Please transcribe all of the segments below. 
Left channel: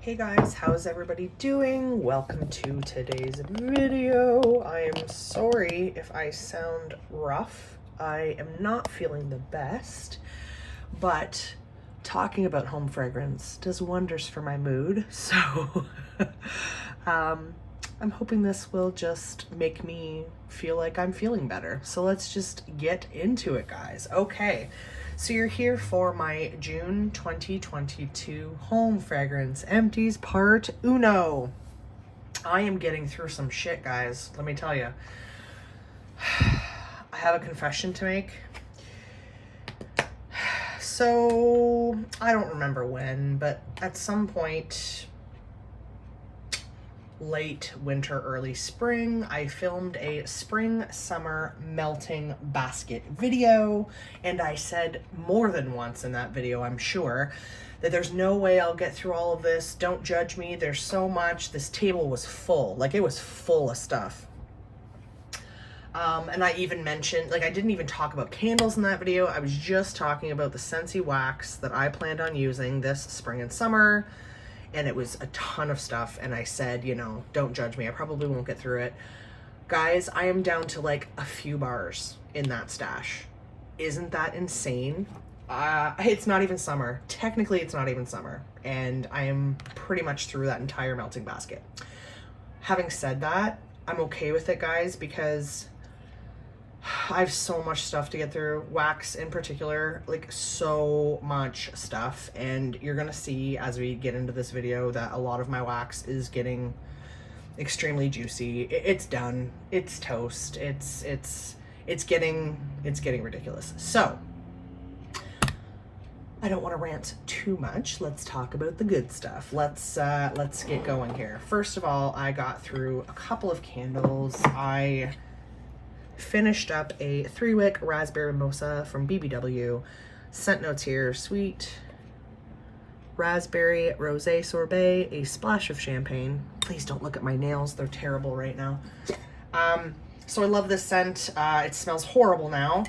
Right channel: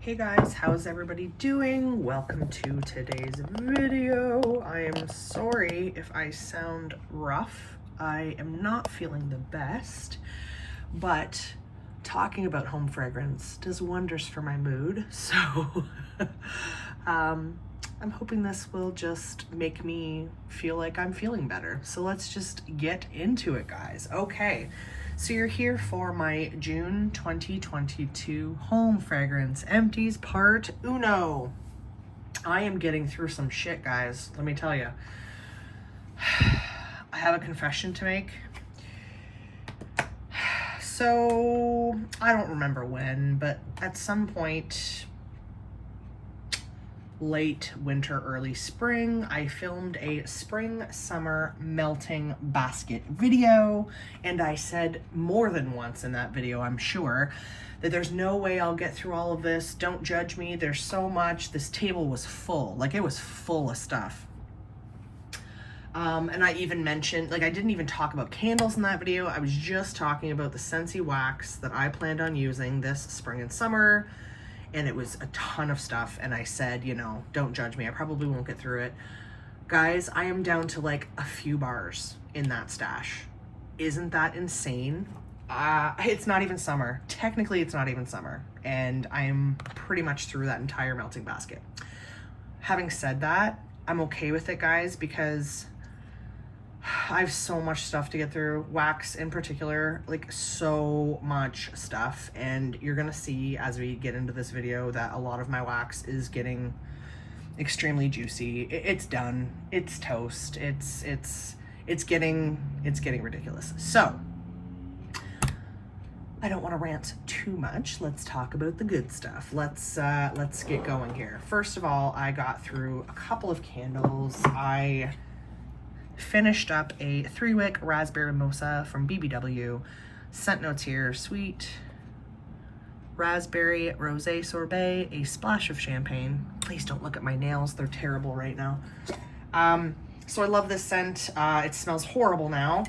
Hey guys, how's everybody doing? Welcome to today's video. I am sorry if I sound rough. I am not feeling the best, but talking about home fragrance does wonders for my mood. So I'm hoping this will just make me feel like I'm feeling better. So let's just get into it, guys. Okay. So you're here for my June 2022 home fragrance empties part uno. I am getting through some shit, guys. Let me tell you. I have a confession to make. So I don't remember when, but at some point, late winter, early spring, I filmed a spring summer melting basket video, and I said more than once in that video, I'm sure, that there's no way I'll get through all of this. Don't judge me. There's so much. This table was full. Like, it was full of stuff. And I even mentioned, like, I didn't even talk about candles in that video. I was just talking about the Scentsy wax that I planned on using this spring and summer. And it was a ton of stuff, and I said, you know, don't judge me. I probably won't get through it. Guys, I am down to like a few bars in that stash. Isn't that insane? It's not even summer. Technically, it's not even summer, and I am pretty much through that entire melting basket. Having said that, I'm okay with it, guys, because I have so much stuff to get through, wax in particular, like so much stuff, and you're gonna see as we get into this video that a lot of my wax is getting extremely juicy. It's done, it's toast, it's getting ridiculous. So I don't want to rant too much. Let's talk about the good stuff. Let's get going here. First of all, I got through a couple of candles. I finished up a 3-wick raspberry mimosa from BBW. Scent notes here: sweet raspberry rosé sorbet, a splash of champagne. Please don't look at my nails, they're terrible right now. So I love this scent. It smells horrible now,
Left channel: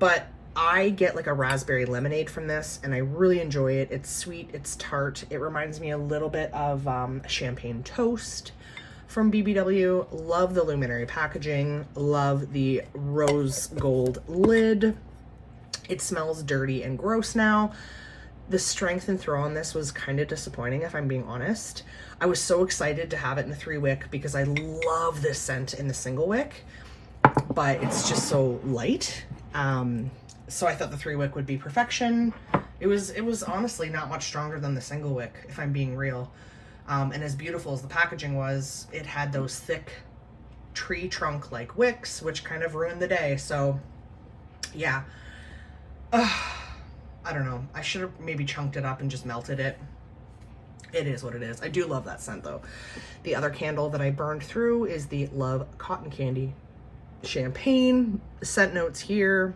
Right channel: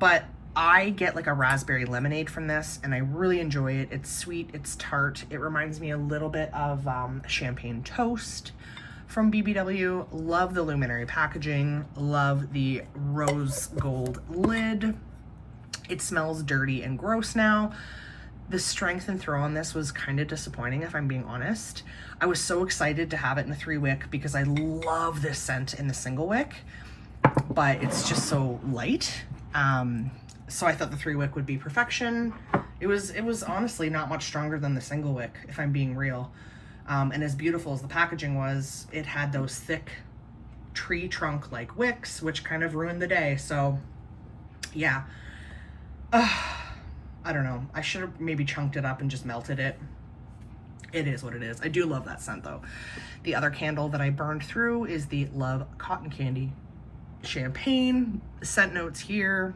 but I get like a raspberry lemonade from this, and I really enjoy it. It's sweet, it's tart. It reminds me a little bit of champagne toast from BBW. Love the luminary packaging, love the rose gold lid. It smells dirty and gross now. The strength and throw on this was kind of disappointing, if I'm being honest. I was so excited to have it in the 3-wick because I love this scent in the single wick, but it's just so light. So I thought the 3-wick would be perfection. It was honestly not much stronger than the single wick, if I'm being real. And as beautiful as the packaging was, it had those thick tree trunk like wicks, which kind of ruined the day. So yeah, I don't know. I should have maybe chunked it up and just melted it. It is what it is. I do love that scent though. The other candle that I burned through is the Love Cotton Candy Champagne. Scent notes here:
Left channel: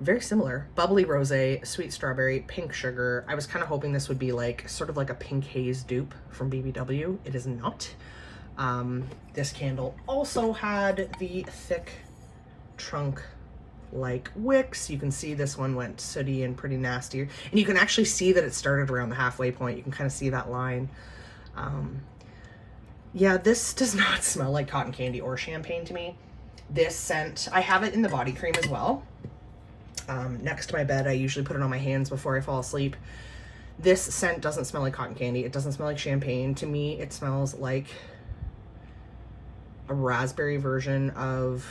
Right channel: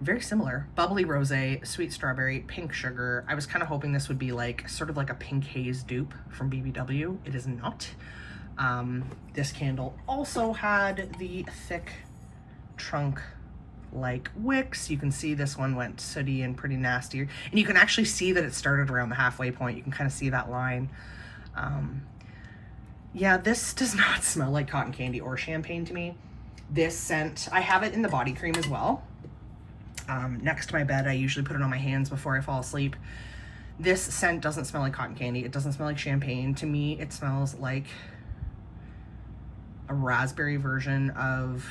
very similar. Bubbly rosé, sweet strawberry, pink sugar. I was kind of hoping this would be like sort of like a pink haze dupe from BBW. It is not. This candle also had the thick trunk like wicks. You can see this one went sooty and pretty nasty, and you can actually see that it started around the halfway point. You can kind of see that line. Yeah, this does not smell like cotton candy or champagne to me. This scent, I have it in the body cream as well. Next to my bed. I usually put it on my hands before I fall asleep. This scent doesn't smell like cotton candy. It doesn't smell like champagne. To me, it smells like a raspberry version of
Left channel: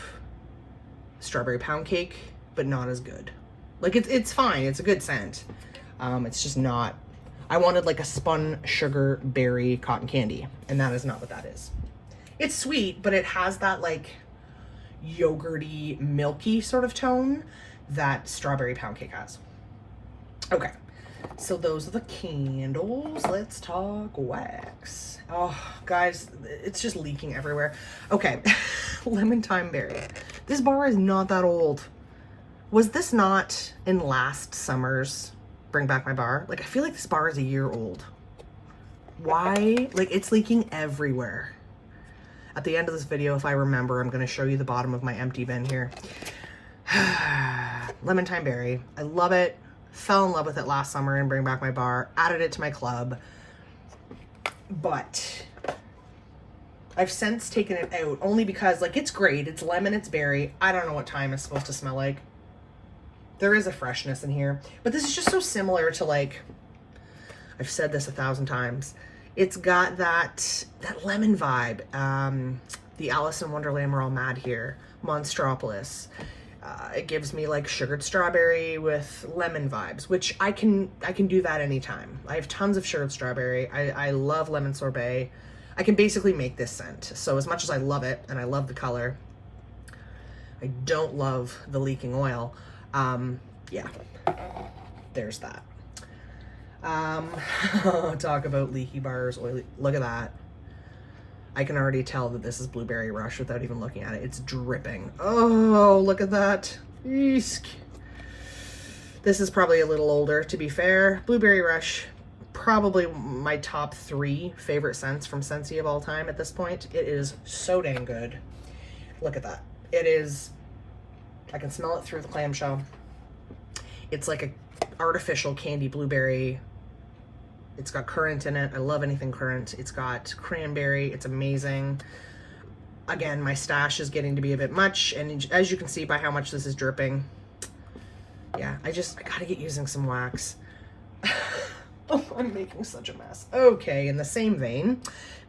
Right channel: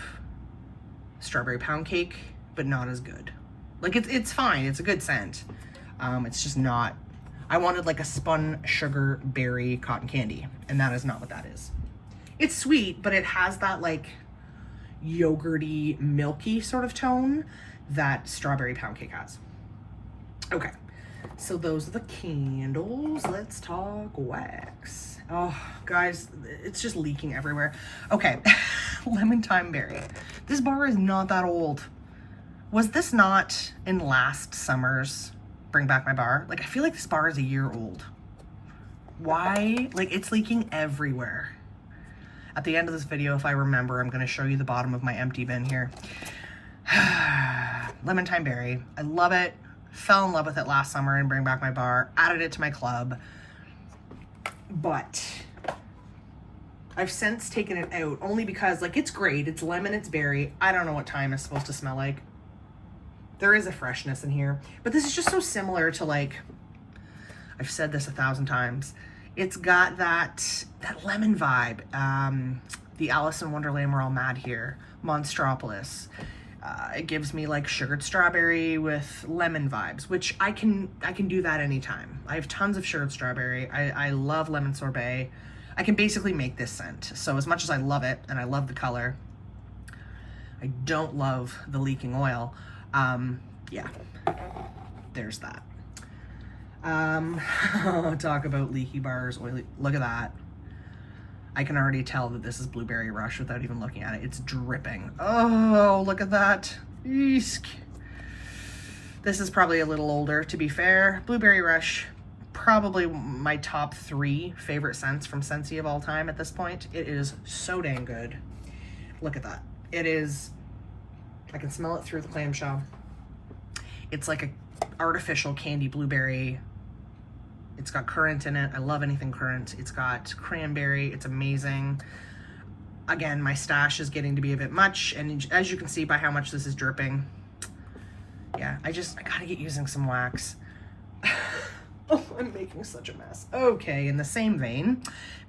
strawberry pound cake, but not as good. Like, it's fine. It's a good scent. It's just not. I wanted like a spun sugar berry cotton candy, and that is not what that is. It's sweet, but it has that like yogurty, milky sort of tone that strawberry pound cake has. Okay, so those are the candles. Let's talk wax. Oh, guys, it's just leaking everywhere. Okay, lemon thyme berry. This bar is not that old. Was this not in last summer's Bring Back My Bar? Like, I feel like this bar is a year old. Why? Like, it's leaking everywhere. At the end of this video, if I remember, I'm going to show you the bottom of my empty bin here. Lemon thyme berry. I love it. fell in love with it last summer and Bring Back My Bar, added it to my club, but I've since taken it out only because, like, it's great. It's lemon, it's berry. I don't know what thyme is supposed to smell like. There is a freshness in here, but this is just so similar to, like, I've said this 1,000 times. It's got that lemon vibe. The Alice in Wonderland We're All Mad Here, Monstropolis. It gives me like sugared strawberry with lemon vibes, which I can do that anytime. I have tons of sugared strawberry. I love lemon sorbet. I can basically make this scent. So as much as I love it and I love the color, I don't love the leaking oil. Yeah, there's that. Talk about leaky bars, oily. Look at that. I can already tell that this is Blueberry Rush without even looking at it. It's dripping. Oh, look at that. Eesk. This is probably a little older, to be fair. Blueberry Rush, probably my top 3 favorite scents from Scentsy of all time at this point. It is so dang good. Look at that. It is, I can smell it through the clamshell. It's like a artificial candy blueberry. It's got currant in it. I love anything currant. It's got cranberry. It's amazing. Again, my stash is getting to be a bit much, and as you can see by how much this is dripping, yeah, I gotta get using some wax. Oh, I'm making such a mess. Okay, in the same vein,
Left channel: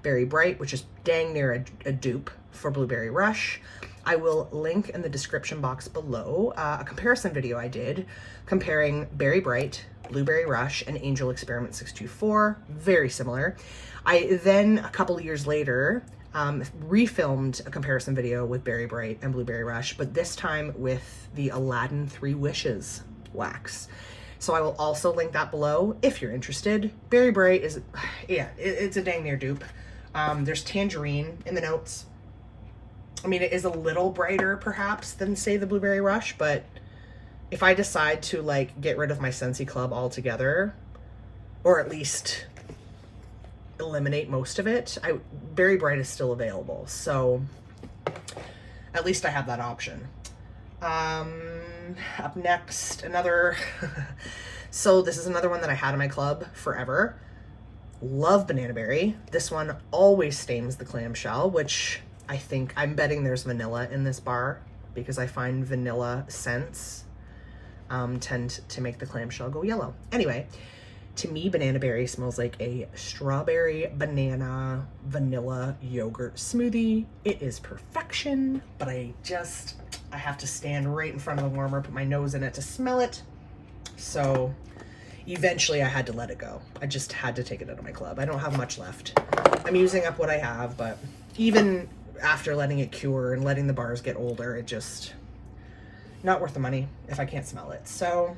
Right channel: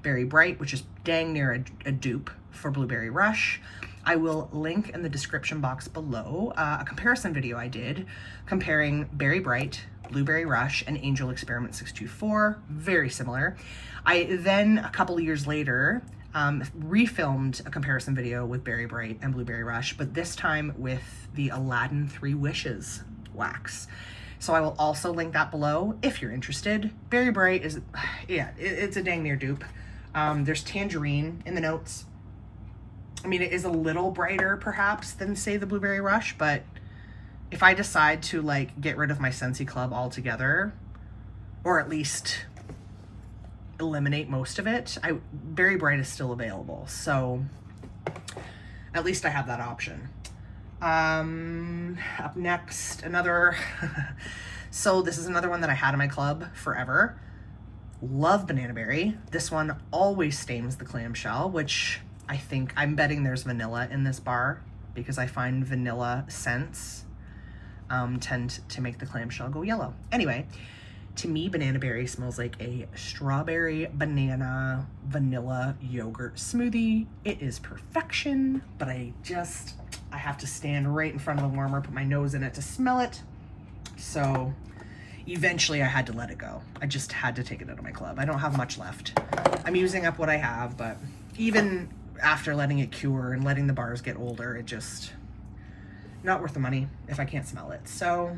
Berry Bright, which is dang near a dupe for Blueberry Rush. I will link in the description box below a comparison video I did comparing Berry Bright, Blueberry Rush, and Angel Experiment 624. Very similar. I then, a couple of years later, refilmed a comparison video with Berry Bright and Blueberry Rush, but this time with the Aladdin 3 Wishes wax. So I will also link that below if you're interested. Berry Bright is, yeah, it's a dang near dupe. There's tangerine in the notes. I mean, it is a little brighter perhaps than, say, the Blueberry Rush, but if I decide to like get rid of my Scentsy Club altogether, or at least eliminate most of it, Berry Bright is still available. So at least I have that option. Up next, another, so this is another one that I had in my club forever. Love Banana Berry. This one always stains the clamshell, which I'm betting there's vanilla in this bar, because I find vanilla scents tend to make the clamshell go yellow. Anyway, to me, Banana Berry smells like a strawberry, banana, vanilla yogurt smoothie. It is perfection, but I have to stand right in front of the warmer, put my nose in it to smell it. So eventually I had to let it go. I just had to take it out of my club. I don't have much left. I'm using up what I have, but even after letting it cure and letting the bars get older, it just not worth the money if I can't smell it. So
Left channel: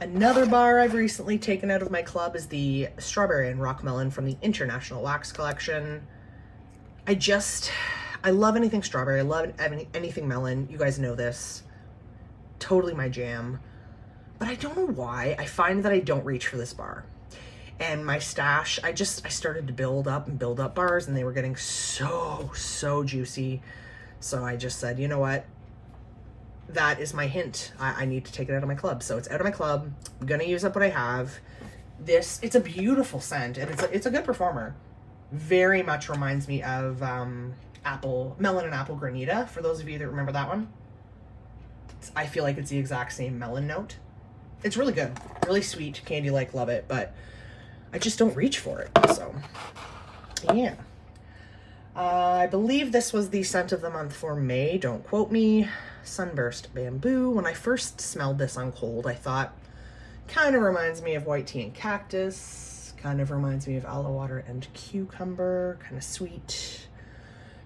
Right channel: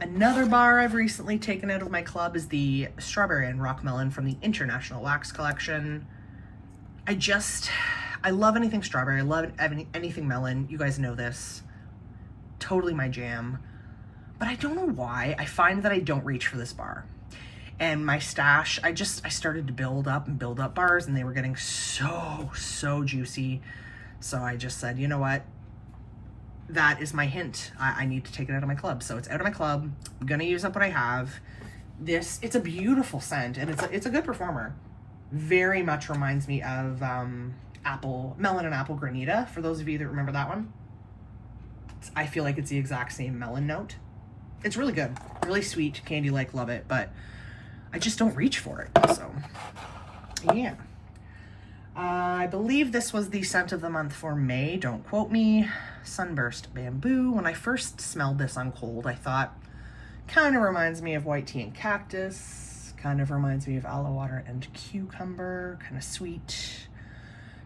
another bar I've recently taken out of my club is the Strawberry and Rock Melon from the International Wax Collection. I love anything strawberry. I love anything melon. You guys know this. Totally my jam. But I don't know why. I find that I don't reach for this bar. And my stash, I started to build up bars, and they were getting so juicy. So I just said, you know what? That is my hint. I need to take it out of my club. So it's out of my club. I'm gonna use up what I have. It's a beautiful scent, and it's a good performer. Very much reminds me of Melon and Apple Granita, for those of you that remember that one. I feel like it's the exact same melon note. It's really good, really sweet, candy-like, love it, but I just don't reach for it, so yeah. I believe this was the scent of the month for May, don't quote me. Sunburst Bamboo. When I first smelled this on cold, I thought, kind of reminds me of white tea and cactus, kind of reminds me of aloe water and cucumber, kind of sweet,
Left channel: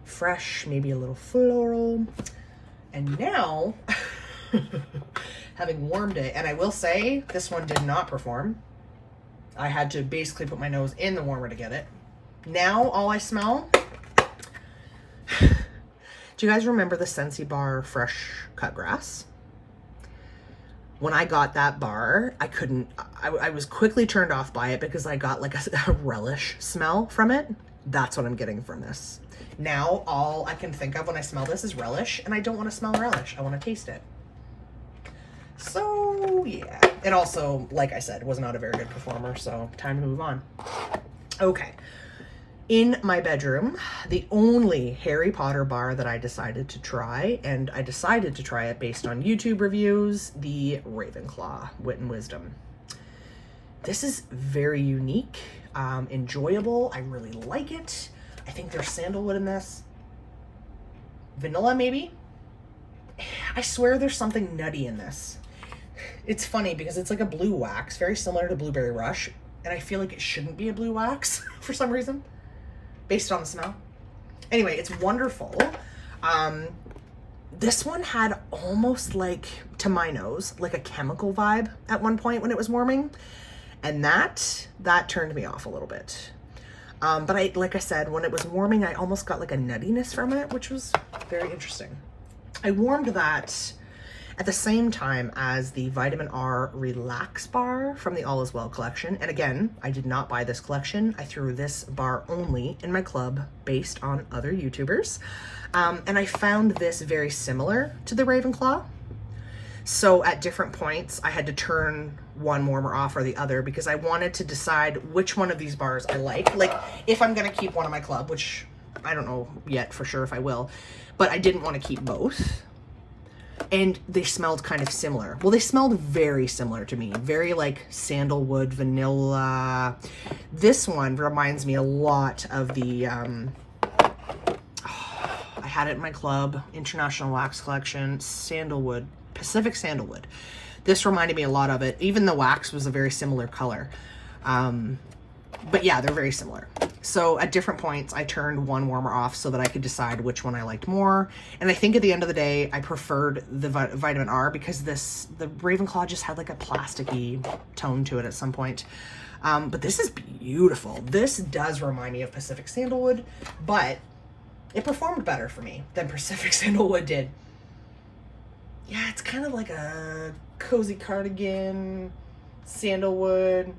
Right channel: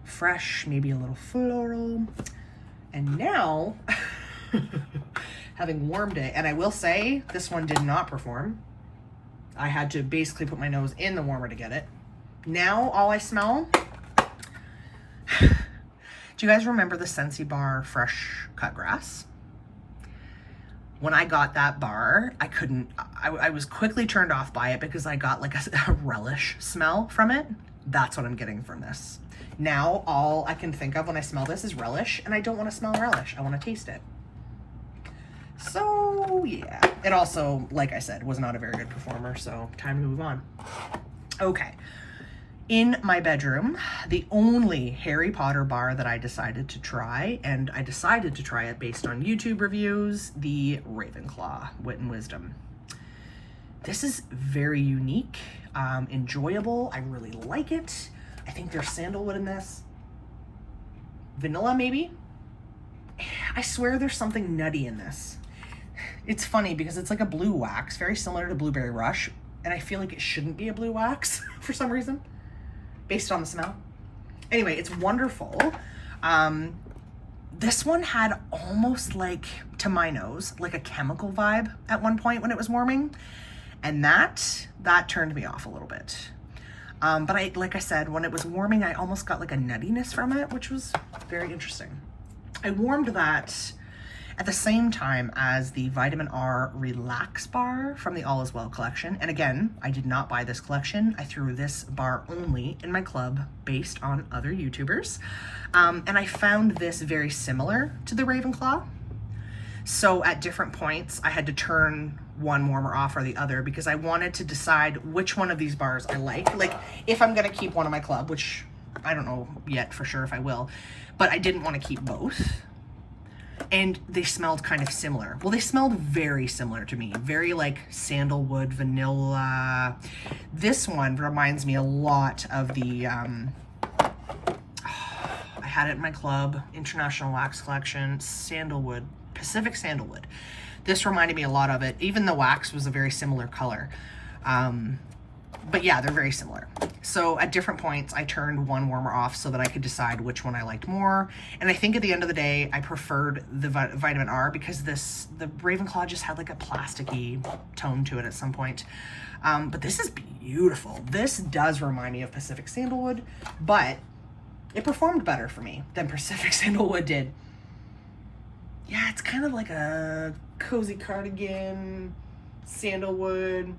fresh, maybe a little floral. And now, having warmed it, and I will say, this one did not perform. I had to basically put my nose in the warmer to get it. Now, all I smell, do you guys remember the Scentsy bar Fresh Cut Grass? When I got that bar, I was quickly turned off by it because I got like a relish smell from it. That's what I'm getting from this. Now, all I can think of when I smell this is relish, and I don't want to smell relish. I want to taste it. So Oh yeah. It also, like I said, was not a very good performer, so time to move on. Okay. In my bedroom, the only Harry Potter bar that I decided to try, and I decided to try it based on YouTube reviews, the Ravenclaw Wit and Wisdom. This is very unique, enjoyable. I really like it. I think there's sandalwood in this. Vanilla, maybe? I swear there's something nutty in this. It's funny because it's like a blue wax, very similar to Blueberry Rush, and I feel like it shouldn't be a blue wax for some reason, based on the smell. Anyway, it's wonderful. This one had almost like, to my nose, like a chemical vibe at one point when it was warming, and that turned me off a little bit. But like I said, when it was warming, I almost got like a nuttiness from it, which was very interesting. I warmed that at the same time as the Vitamin R Relax Bar from the All Is Well collection. And again, I did not buy this collection. I threw this bar only in my club based on other YouTubers. And I found this very similar to the Ravenclaw. So at different points, I had to turn one warmer off or the other because I wanted to decide which one of these bars I like. Like if I'm gonna keep one in my club, which I don't know yet for sure if I will, but I didn't want to keep both. And they smelled kind of similar. Well, they smelled very similar to me. Very like sandalwood, vanilla. This one reminds me a lot of the, I had it in my club, International Wax Collection, sandalwood, Pacific Sandalwood. This reminded me a lot of it. Even the wax was a very similar color. But yeah, they're very similar. So at different points, I turned one warmer off so that I could decide which one I liked more. And I think at the end of the day, I preferred the Vitamin R because the Ravenclaw just had like a plasticky tone to it at some point. But this is beautiful. This does remind me of Pacific Sandalwood, but it performed better for me than Pacific Sandalwood did. Yeah, it's kind of like a cozy cardigan, sandalwood,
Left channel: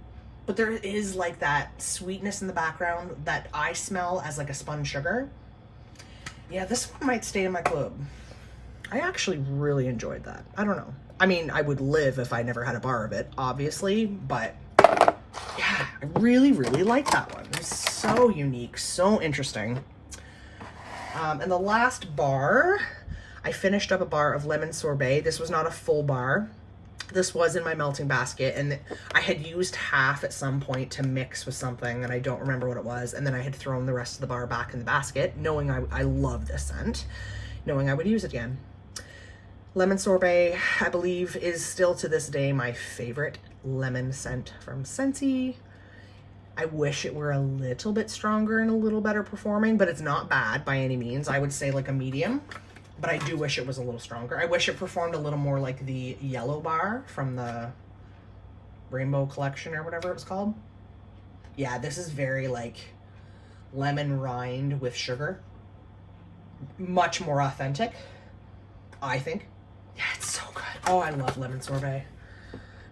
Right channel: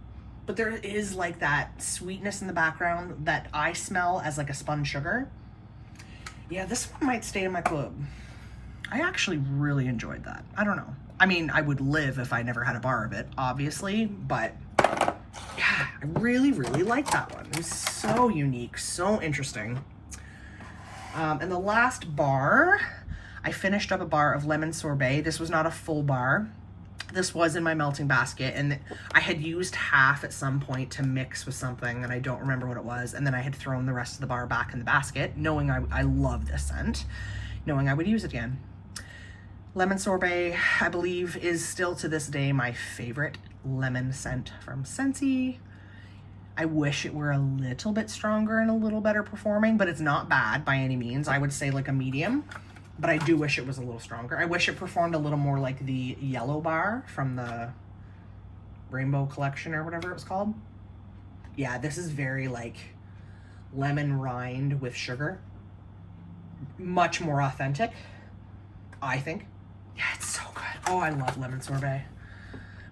but there is like that sweetness in the background that I smell as like a spun sugar. Yeah, this one might stay in my club. I actually really enjoyed that. I don't know. I mean, I would live if I never had a bar of it, obviously, but yeah, I really, really like that one. It was so unique, so interesting. And the last bar, I finished up a bar of lemon sorbet. This was not a full bar. This was in my melting basket, and I had used half at some point to mix with something, and I don't remember what it was, and then I had thrown the rest of the bar back in the basket, knowing I love this scent, knowing I would use it again. Lemon sorbet, I believe, is still to this day my favorite lemon scent from Scentsy. I wish it were a little bit stronger and a little better performing, but it's not bad by any means. I would say like a medium. But I do wish it was a little stronger. I wish it performed a little more like the yellow bar from the Rainbow Collection or whatever it was called. Yeah, this is very like lemon rind with sugar. Much more authentic, I think. Yeah, it's so good. Oh, I love lemon sorbet.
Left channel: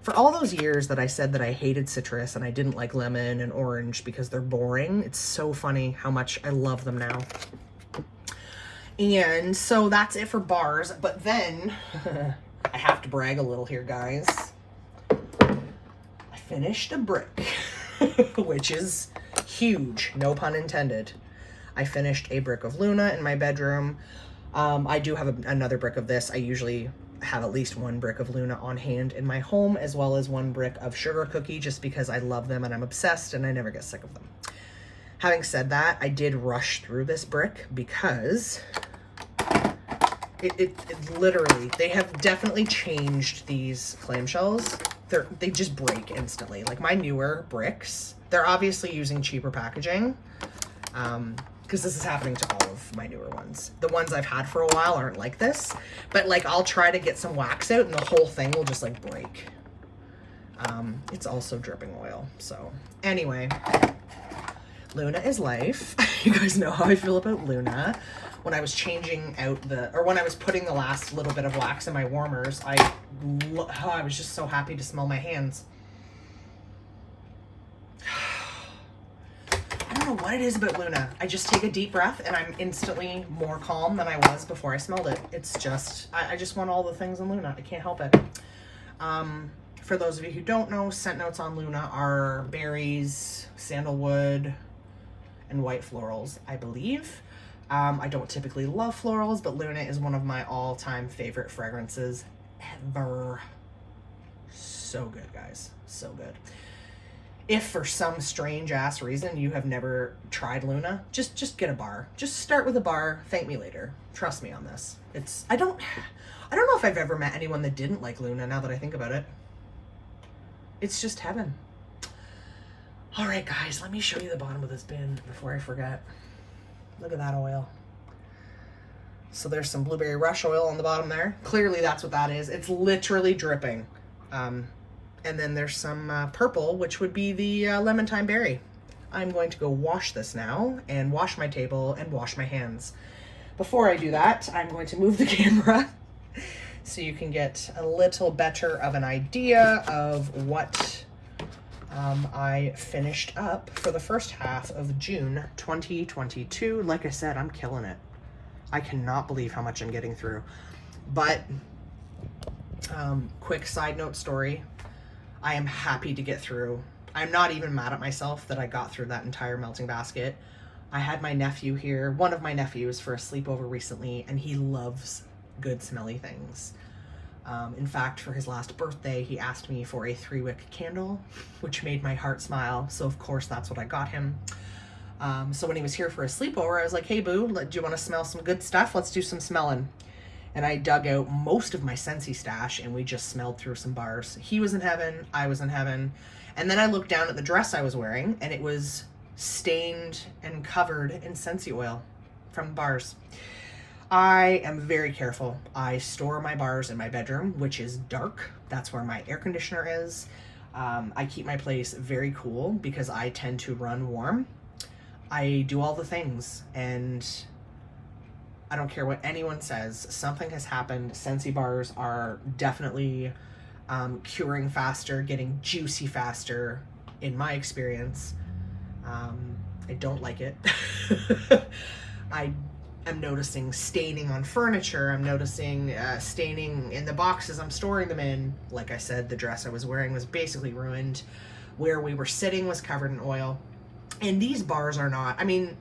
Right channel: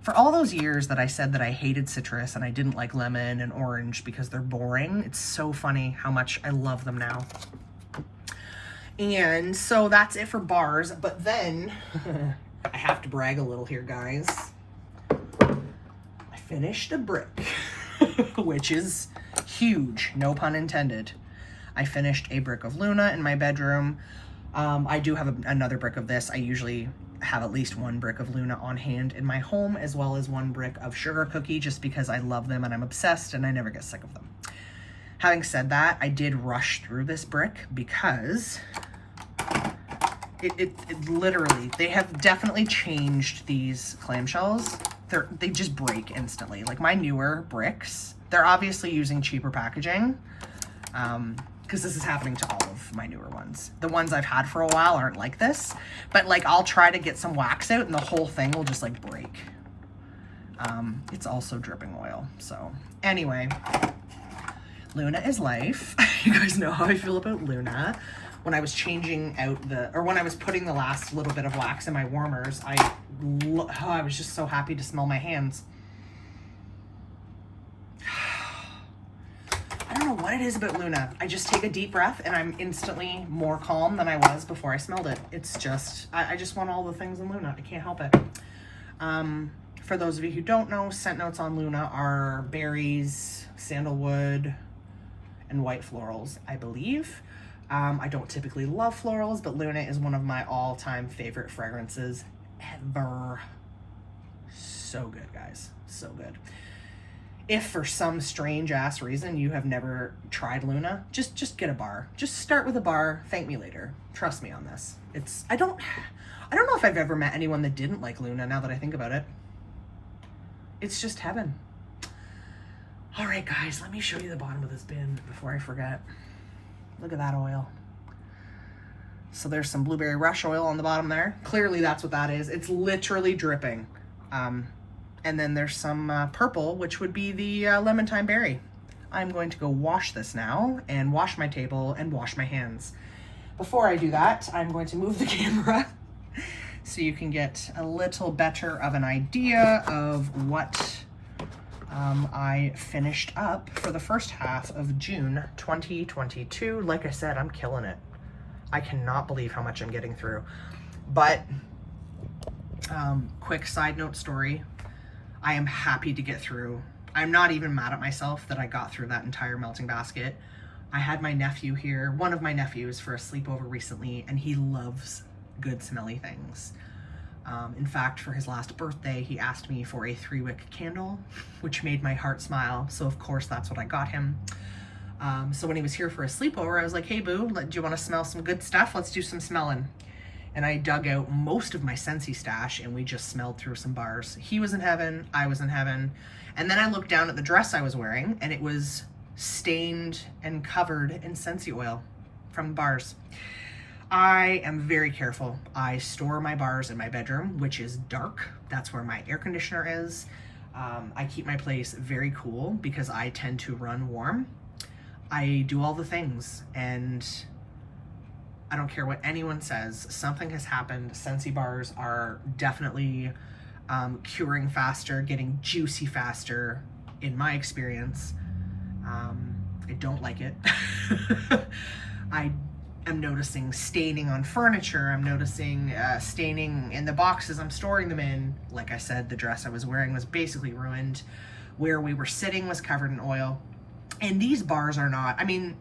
For all those years that I said that I hated citrus and I didn't like lemon and orange because they're boring, it's so funny how much I love them now. And so that's it for bars, but then I have to brag a little here, guys. I finished a brick, which is huge, no pun intended. I finished a brick of Luna in my bedroom. I do have another brick of this. I usually have at least one brick of Luna on hand in my home, as well as one brick of Sugar Cookie, just because I love them and I'm obsessed and I never get sick of them. Having said that, I did rush through this brick because it literally, they have definitely changed these clamshells. They just break instantly. Like my newer bricks, they're obviously using cheaper packaging, because this is happening to all of my newer ones. The ones I've had for a while aren't like this, but like I'll try to get some wax out and the whole thing will just like break. It's also dripping oil. So anyway, Luna is life. You guys know how I feel about Luna. When I was changing out when I was putting the last little bit of wax in my warmers, I was just so happy to smell my hands. I don't know what it is about Luna. I just take a deep breath and I'm instantly more calm than I was before I smelled it. It's just, I just want all the things in Luna. I can't help it. For those of you who don't know, scent notes on Luna are berries, sandalwood, and white florals, I believe. I don't typically love florals, but Luna is one of my all-time favorite fragrances ever. So good, guys. So good. If for some strange ass reason you have never tried Luna, just get a bar. Just start with a bar. Thank me later. Trust me on this. I don't know if I've ever met anyone that didn't like Luna, now that I think about it. It's just heaven. All right, guys, let me show you the bottom of this bin before I forget. Look at that oil. So there's some blueberry rush oil on the bottom there. Clearly that's what that is. It's literally dripping. And then there's some purple, which would be the lemon thyme berry. I'm going to go wash this now and wash my table and wash my hands. Before I do that, I'm going to move the camera so you can get a little better of an idea of what I finished up for the first half of June 2022. Like I said, I'm killing it. I cannot believe how much I'm getting through. But quick side note story. I am happy to get through. I'm not even mad at myself that I got through that entire melting basket. I had my nephew here, one of my nephews, for a sleepover recently, and he loves good smelly things. In fact, for his last birthday, he asked me for a 3-wick candle, which made my heart smile. So of course, that's what I got him. So when he was here for a sleepover, I was like, hey boo, do you want to smell some good stuff? Let's do some smelling. And I dug out most of my Scentsy stash and we just smelled through some bars. He was in heaven, I was in heaven. And then I looked down at the dress I was wearing and it was stained and covered in Scentsy oil from bars. I am very careful. I store my bars in my bedroom, which is dark. That's where my air conditioner is. I keep my place very cool because I tend to run warm. I do all the things and I don't care what anyone says. Something has happened. Scentsy bars are definitely curing faster, getting juicy faster in my experience. I don't like it. I am noticing staining on furniture. I'm noticing staining in the boxes I'm storing them in. Like I said, the dress I was wearing was basically ruined. Where we were sitting was covered in oil. And these bars are not, I mean,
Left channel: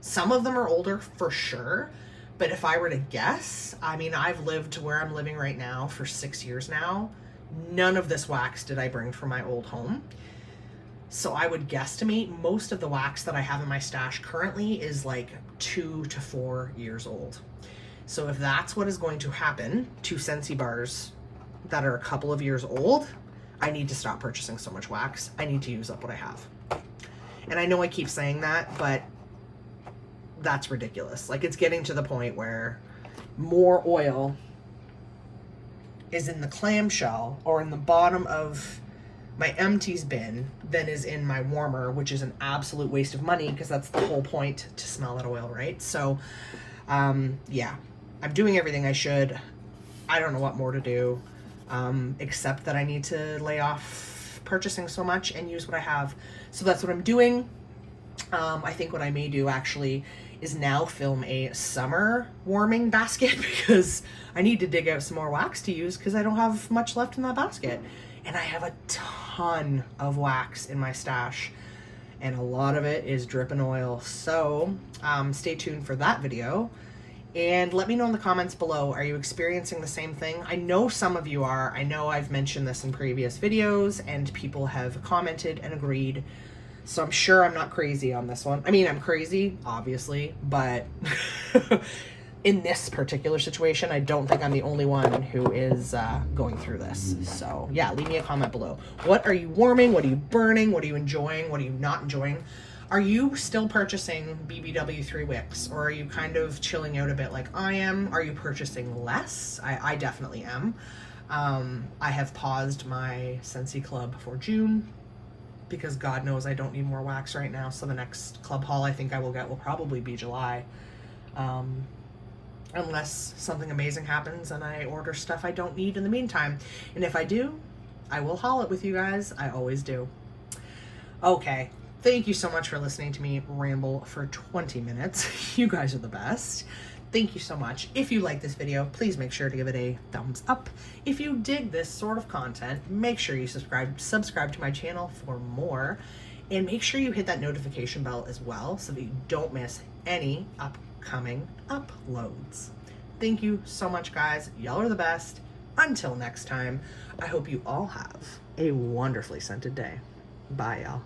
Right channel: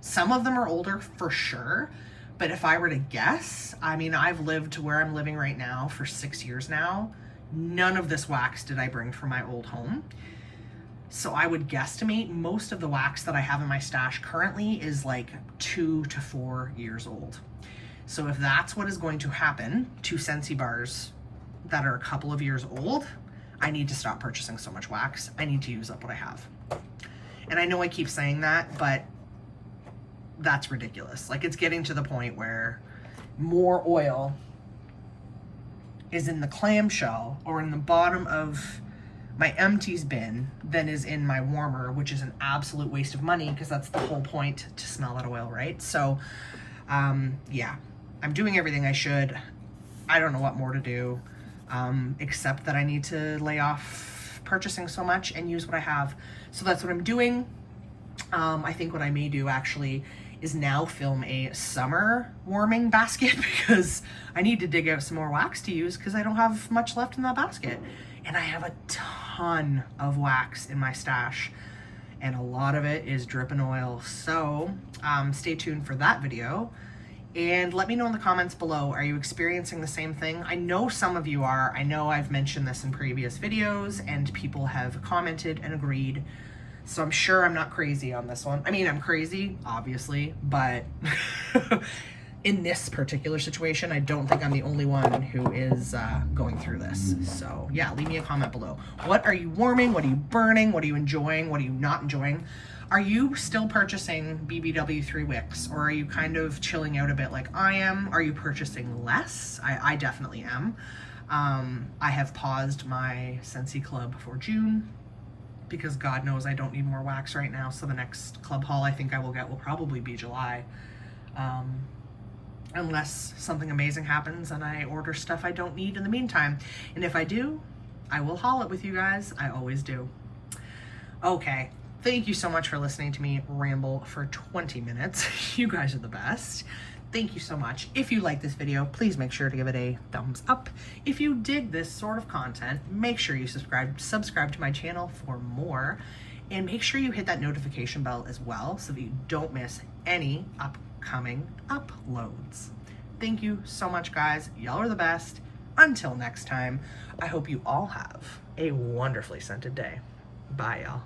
some of them are older for sure. But if I were to guess, I mean, I've lived where I'm living right now for 6 years now. None of this wax did I bring from my old home. So I would guesstimate most of the wax that I have in my stash currently is like 2 to 4 years old. So if that's what is going to happen to Scentsy bars that are a couple of years old, I need to stop purchasing so much wax. I need to use up what I have. And I know I keep saying that, but that's ridiculous. Like, it's getting to the point where more oil is in the clamshell or in the bottom of my Empties bin than is in my warmer, which is an absolute waste of money because that's the whole point, to smell that oil, right? So yeah, I'm doing everything I should. I don't know what more to do, except that I need to lay off purchasing so much and use what I have. So that's what I'm doing. I think what I may do actually is now film a summer warming basket because I need to dig out some more wax to use because I don't have much left in that basket. And I have a ton of wax in my stash and a lot of it is dripping oil. So stay tuned for that video and let me know in the comments below. Are you experiencing the same thing? I know some of you are. I know I've mentioned this in previous videos and people have commented and agreed. So I'm sure I'm not crazy on this one. I mean, I'm crazy, obviously, but in this particular situation, I don't think I'm the only one who is going through this. So yeah, leave me a comment below. What are you warming? What are you burning? What are you enjoying? What are you not enjoying? Are you still purchasing BBW 3 wicks or are you kind of chilling out a bit like I am? Are you purchasing less? I definitely am. I have paused my Scentsy Club for June because God knows I don't need more wax right now. So the next club haul I think I will get will probably be July. Unless something amazing happens and I order stuff I don't need in the meantime. And if I do, I will haul it with you guys. I always do. Okay, thank you so much for listening to me ramble for 20 minutes. You guys are the best. thank you so much. If you like this video, please make sure to give it a thumbs up. If you dig this sort of content, make sure you subscribe to my channel for more, and make sure you hit that notification bell as well so that you don't miss any upcoming uploads. Thank you so much, guys. Y'all are the best. Until next time, I hope you all have a wonderfully scented day. Bye, y'all.